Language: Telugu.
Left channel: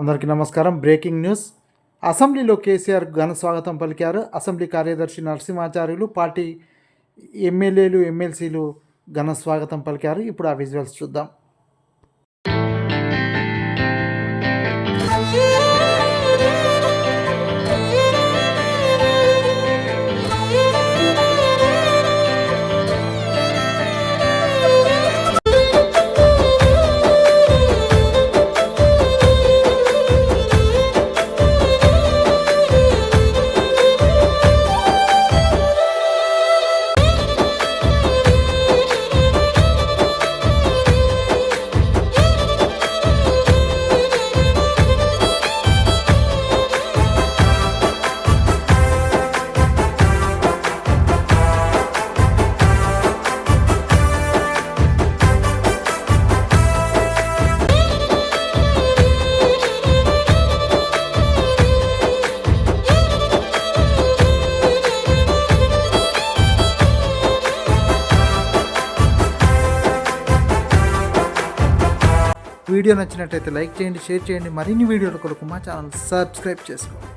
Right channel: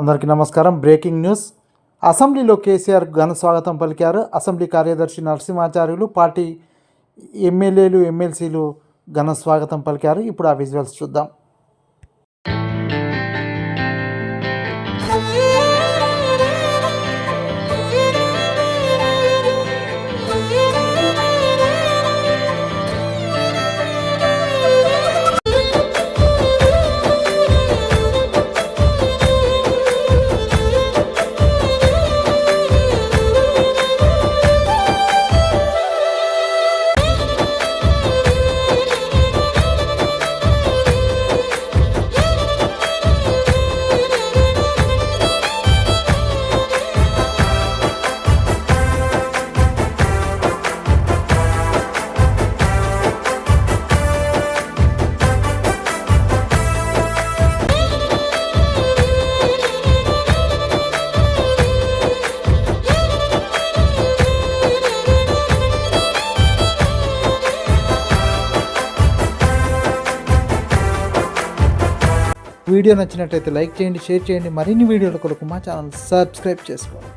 అందరికీ నమస్కారం. Breaking news. అసెంబ్లీలో కేసీఆర్ ఘన స్వాగతం పలికారు. అసెంబ్లీ కార్యదర్శి నరసింహాచార్యులు, పార్టీ ఎమ్మెల్యేలు, ఎమ్మెల్సీలు ఘన స్వాగతం పలికారు. ఇప్పుడు ఆ విజువల్స్ చూద్దాం. వీడియో నచ్చినట్లయితే లైక్ చేయండి, షేర్ చేయండి. మరిన్ని వీడియోల కొరకు మా ఛానల్ సబ్స్క్రైబ్ చేసుకోండి.